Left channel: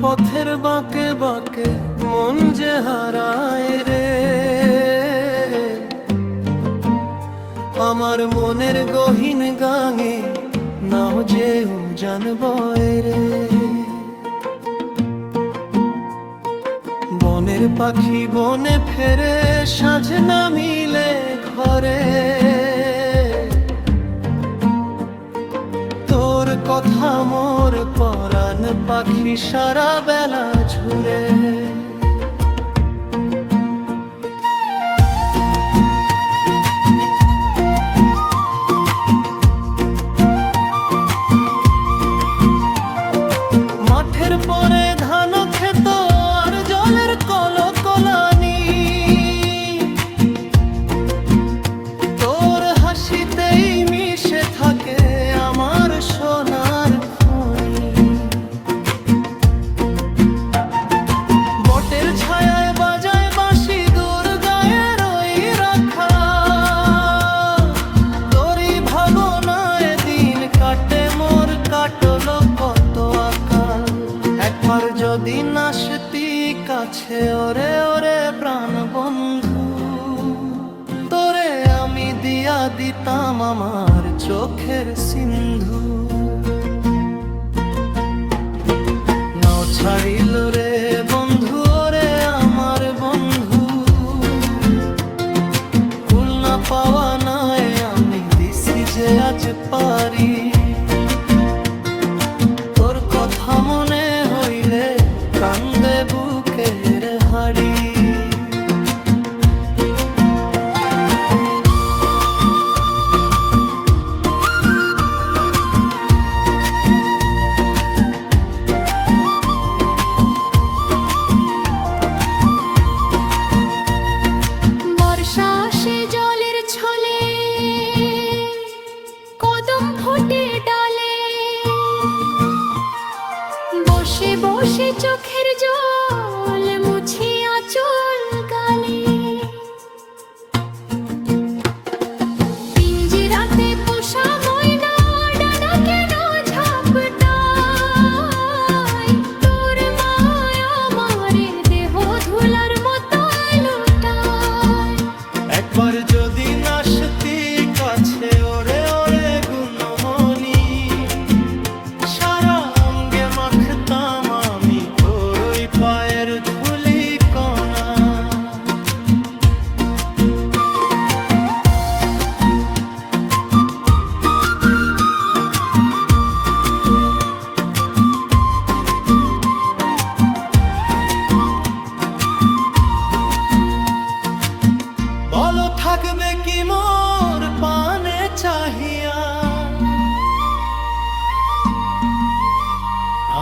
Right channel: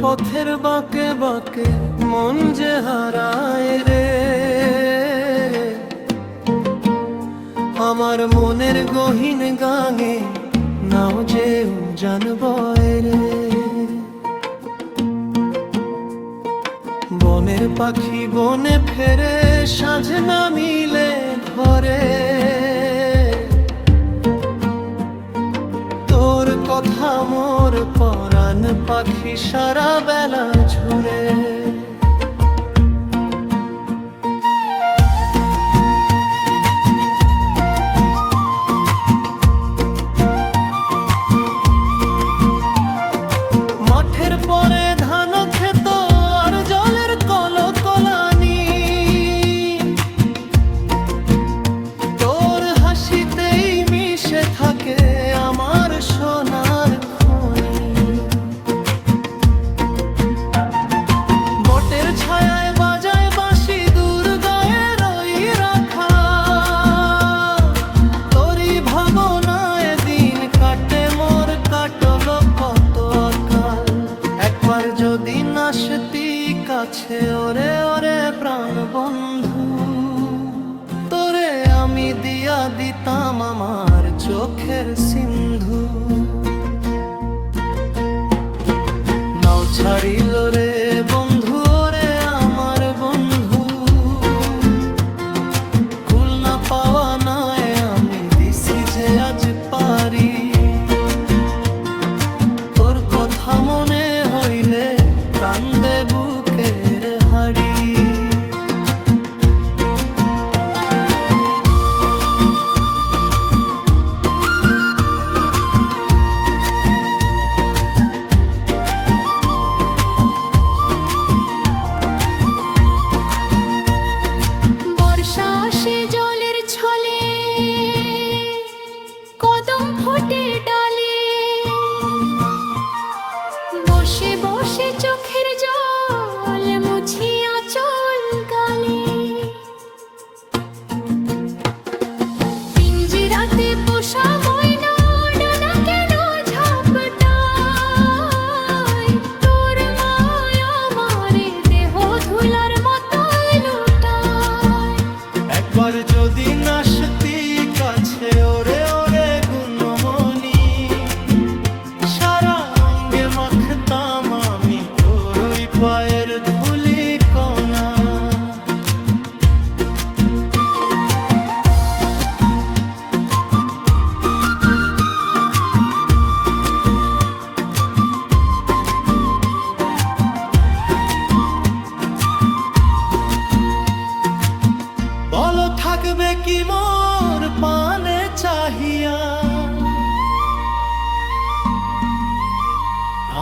পথের বাঁকে বাঁকে মন যে হারায় রে, আমার মনের গহীন গাঙে নাও যে উজান বয় রে। বনের পাখি বনে ফেরে, সাঁঝ না মিলে ঘরে, তোর কথা মোর পরাণ পাখি সারা বেলা ঝুরে। মাঠের পরে ধান ক্ষেত আর জলের কলকলানি, তোর হাসিতেই মিশে থাকে আমার সোনার খনি। বটের ছায়ায় বাজায় বাঁশি, দূর গায়ের ওই রাখা, তোরই ভাবনায় দিন কাটে মোর, কাটলো কত আকাল। একবার যদি নাসতি কাছে ওরে ওরে প্রাণ বন্ধু, তোরে আমি দিয়া দিতাম আমার চোখের সিন্ধু। নাও ছাড়িল রে বন্ধু রে আমার বন্ধু, কুল না পাওয়া নয় আমি দিছি যে আজ পারি। তোর কথা মনে হইলে কান্দে বুকের হাড়ি। বর্ষা আসে জলের ছলে, কদম ফোটে ডালে, বসে বসে চোখের জল মুছি আঁচল গালে। পিঞ্জিরাতে পোষা ময়না ডানা কেন ঝাপটায়, তোর মায়া আমারে দেহ ধুলার মতো লুটায়। একবার যদি নাসতি কাছে ওরে ওরে গুণমণি, সারা অঙ্গে মাখতাম আমি তোর ওই পায়ের ধুলি কণা। বলো থাকবে কি মোর পানে চাহিয়া,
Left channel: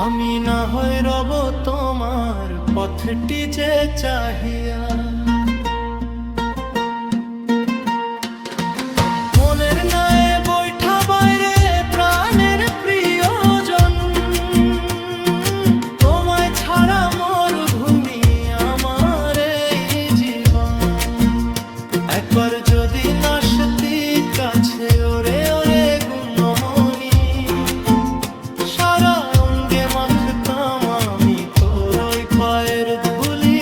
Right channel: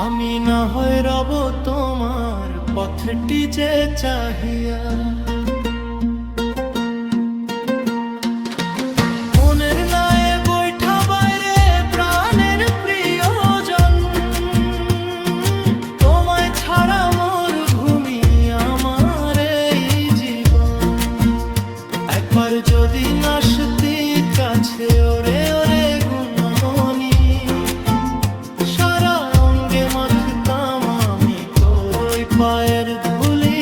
আমি না হয় রব তোমার পথটি যে চাহিয়া। মনের নায়ে বৈঠা বাইরে প্রাণের প্রিয়জন, তোমায় ছাড়া মোর ভূমি আমার এই জীবন। একবার যদি নাসতি কাছে ওরে ওরে গুণমণি, সারা অঙ্গে মাখতাম আমি তোর ওই পায়ের ধুলি